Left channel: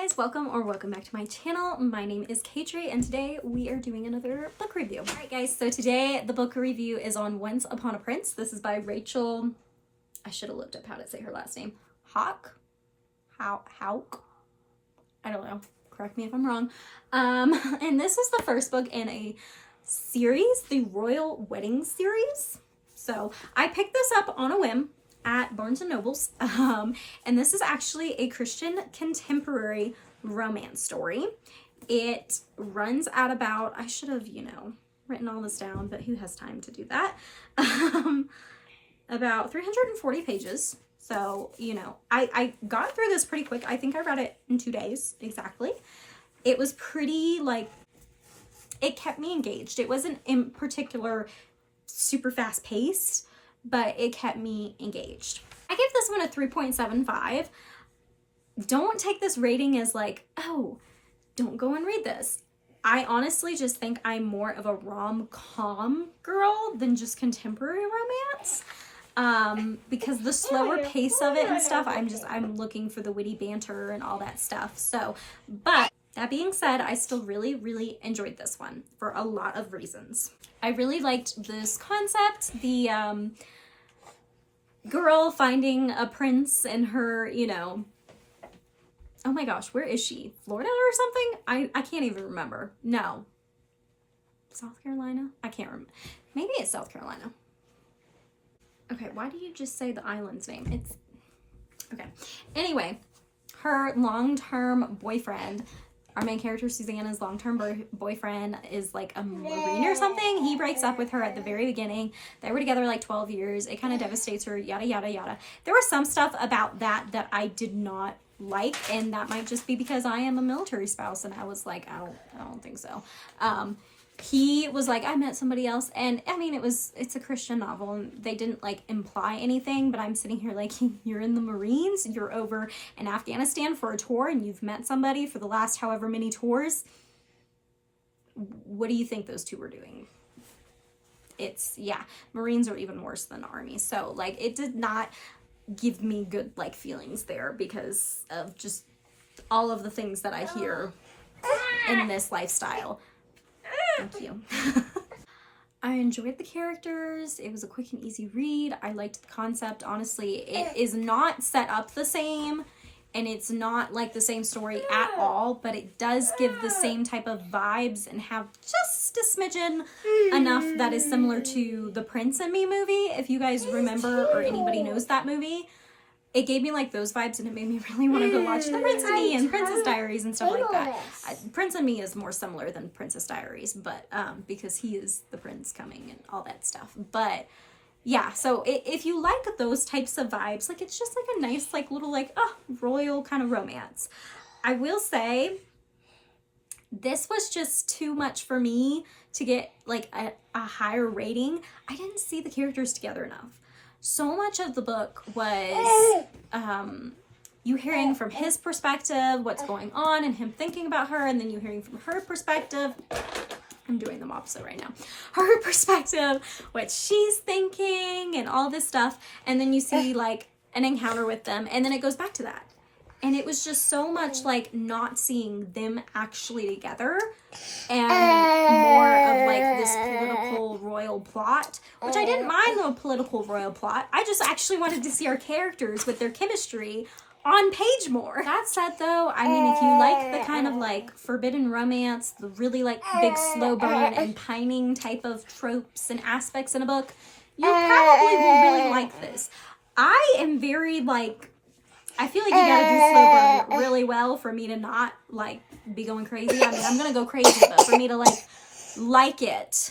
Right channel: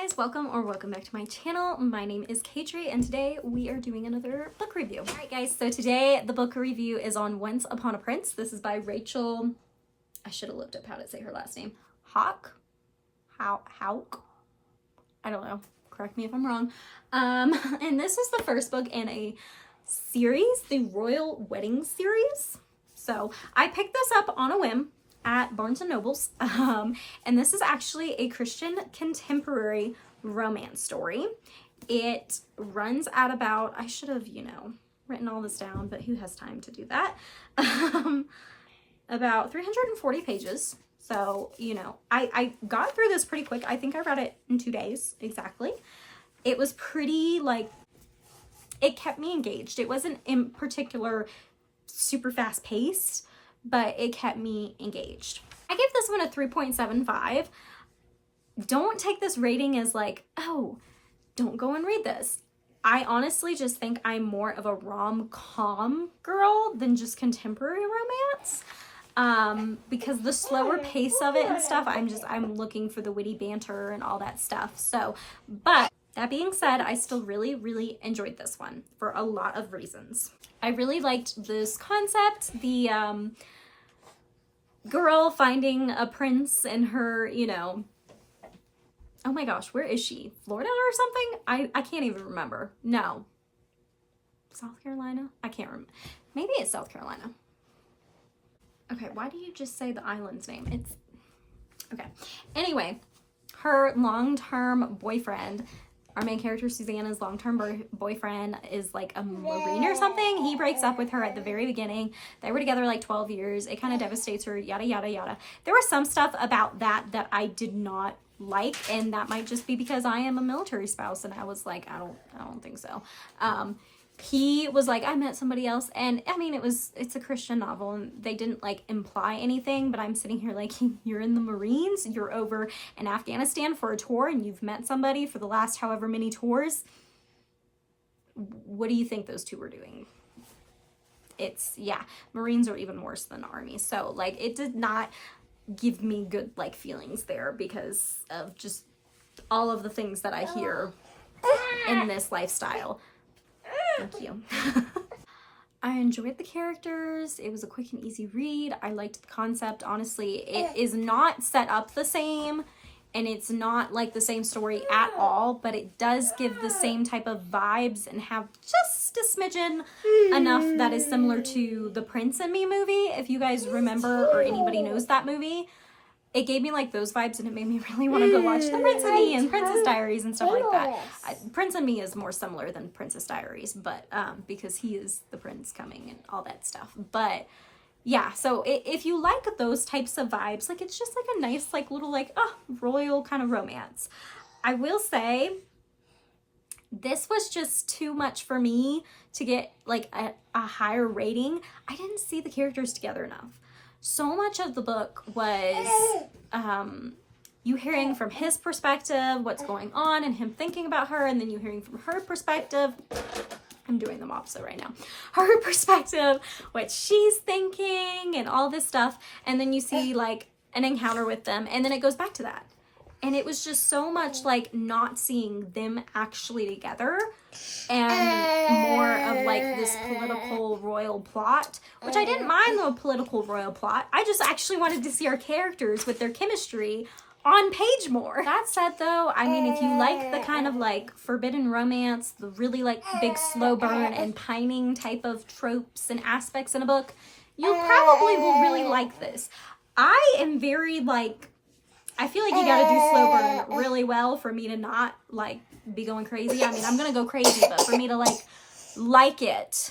guys, welcome back to my channel. My name is Katri and today we are doing another book review. Alright guys, so today the book review is on Once Upon a Prince. This is by Rachel, I should have looked up how to say her last name, Hauck? Hauck? I don't know, correct me if I'm wrong. And this is the first book in a series, the Royal Wedding series. So I picked this up on a whim at Barnes & Noble's, and this is actually a Christian contemporary romance story. It runs at about, I should have, written all this down, but who has time to do that? About 340 pages. So, I got through this pretty quick. I think I read it in 2 days, exactly. It was pretty, it kept me engaged. It wasn't in particular super fast paced, but it kept me engaged. I give this one a 3.75. Don't take this rating as oh, don't go and read this. I honestly just think I'm more of a rom-com girl than just contemporary romance. Because the slower pace of it and stuff, I'm looking for the witty banter and all that stuff. So, but that being said, I still really enjoyed this one for a lot of reasons. I really liked this concept, the girl finding a prince and her, oh my gosh, where is she? Florida or something? I can't even remember. No. South Carolina? I can't remember. Maybe it's South Carolina. Okay, why do you just say the island's name? It's, okay. Anyway, her long-term boyfriend, our main character, Susanna's long-term boyfriend is a Marine or something. He breaks up with her at the very beginning. They were together 12 years. It kind of devastates her, yada, yada, yada. There was some stuff about that I did not like, and that might just be because I am a military spouse, and I was like, I don't think so. He was like, I met somebody else, and I mean, it's a Christian novel, and they didn't imply anything, but I'm sitting here you're in the Marines, you're over in Afghanistan for a tour, and you've met somebody for the last however many tours. What do you think those two were doing? Yeah, Marines are even worse than Army, so it did not give me good feelings there because of just all of the things that I hear in this lifestyle. Thank you. I enjoyed the characters. It was a quick and easy read. I liked the concept. Honestly, it is not set up the same, and it's not the same story at all, but it does give the same type of vibes and have just a smidgen enough that is similar to the Prince and Me movie. If you guys remember or anybody knows that movie, it gave me those vibes, and it made me really want to go watch The Prince and Me and Princess Diaries and stuff like that. Prince and Me is more similar than Princess Diaries, but because he is the prince coming and all that stuff. But yeah, so if you like those types of vibes, it's just a nice little royal kind of romance. I will say this was just too much for me to get a higher rating. I didn't see the characters together enough. So much of the book was you hearing from his perspective what's going on and him thinking about her, and then you hearing from her perspective. I'm doing them opposite right now. Her perspective, what she's thinking and all this stuff, and then you see an encounter with them, and then it goes back to that. And it was just so much not seeing them actually together and more of this political royal plot, which I didn't mind the political royal plot. I just actually wanted to see our characters with their chemistry on page more. That said though, I mean, if you like the kind of forbidden romance, the really big slow burn and pining type of tropes and aspects in a book, you probably will really like this. I am very I feel you gotta do slow burn really well for me to not be going crazy. I mean, I'm gonna go crazy, but for me to like it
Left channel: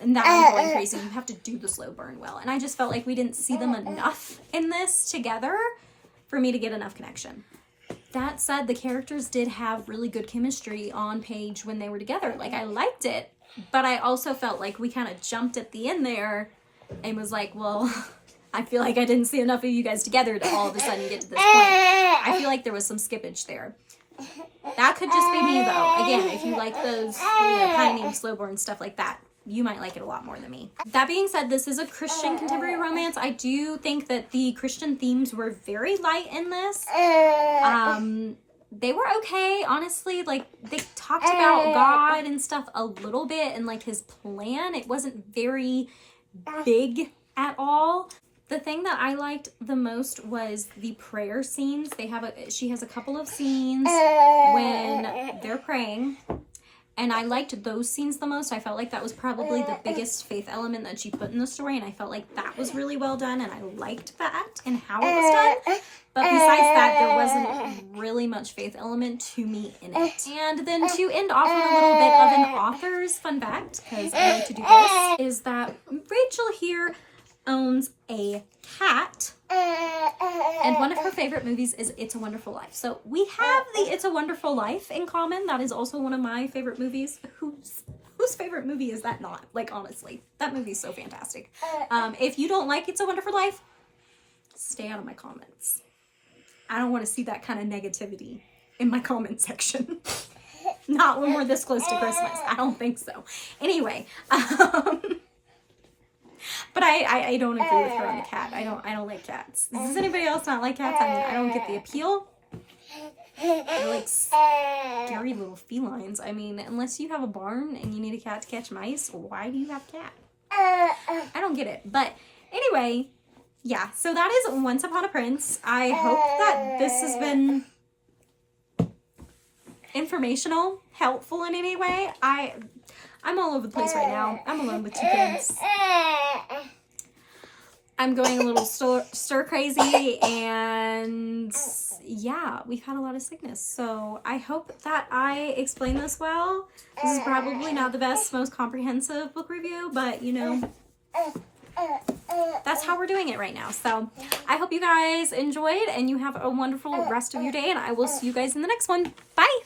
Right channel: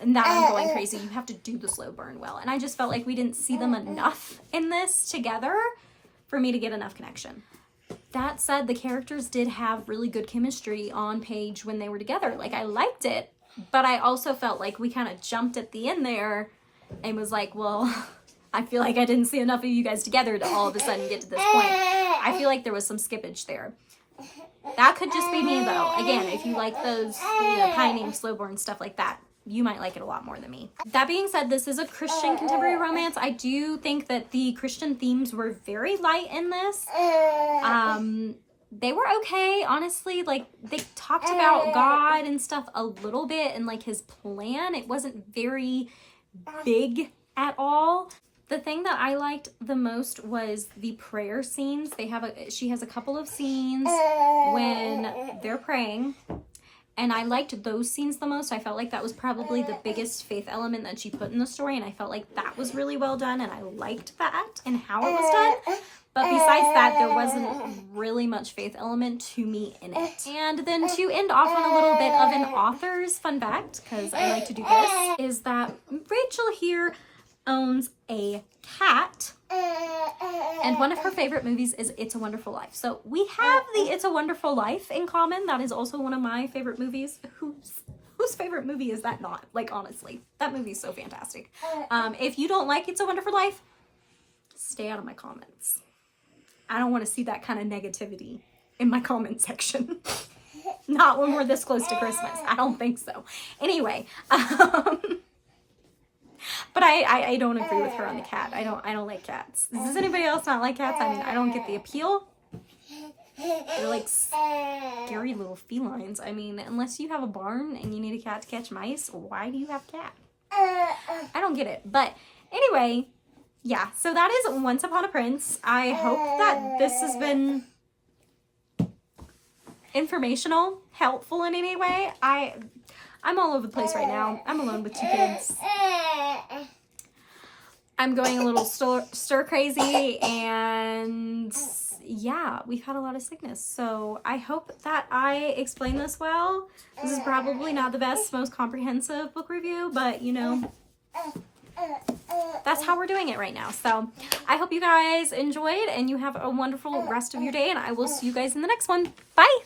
and that I'm going crazy, you have to do the slow burn well. And I just felt we didn't see them enough in this together for me to get enough connection. That said, the characters did have really good chemistry on page when they were together. I liked it, but I also felt we kind of jumped at the end there and was well, I feel I didn't see enough of you guys together to all of a sudden get to this point. I feel there was some skippage there. That could just be me though. Again, if you like those pining, slow burn stuff like that, you might like it a lot more than me. That being said, this is a Christian contemporary romance. I do think that the Christian themes were very light in this. they were okay, honestly. Like, they talked about God and stuff a little bit and like his plan. It wasn't very big at all. The thing that I liked the most was the prayer scenes. She has a couple of scenes when they're praying, and I liked those scenes the most. I felt like that was probably the biggest faith element that she put in the story, and I felt like that was really well done, and I liked that and how it was done. But besides that, there wasn't really much faith element to me in it. And then to end off on a little bit of an author's fun fact, because I like to do this, is that Rachel here owns a cat, and one of her favorite movies is It's a Wonderful Life. So we have the It's a Wonderful Life in common. That is also one of my favorite movies. Whose favorite movie is that not? Like, honestly, that movie is so fantastic. If you don't like It's a Wonderful Life, stay out of my comments. I don't want to see that kind of negativity in my comment section. Not when we're this close to Christmas. I don't think so. Anyway, but I don't agree with her on the cat. I don't like cats. Does anybody else not like cats? I mean, I don't get the appeal. They're like scary little felines. I mean, unless you have a barn and you need a cat to catch mice, why do you have a cat? I don't get it. But anyway, yeah, so that is Once Upon a Prince. I hope that this has been informational, helpful in any way. I'm all over the place right now. I'm alone with 2 kids. I'm going a little stir crazy, and yeah, we've had a lot of sickness. So I hope that I explained this well. This is probably not the best, most comprehensive book review, but you know, that's how we're doing it right now. So I hope you guys enjoyed and you have a wonderful rest of your day, and I will see you guys in the next one. Bye!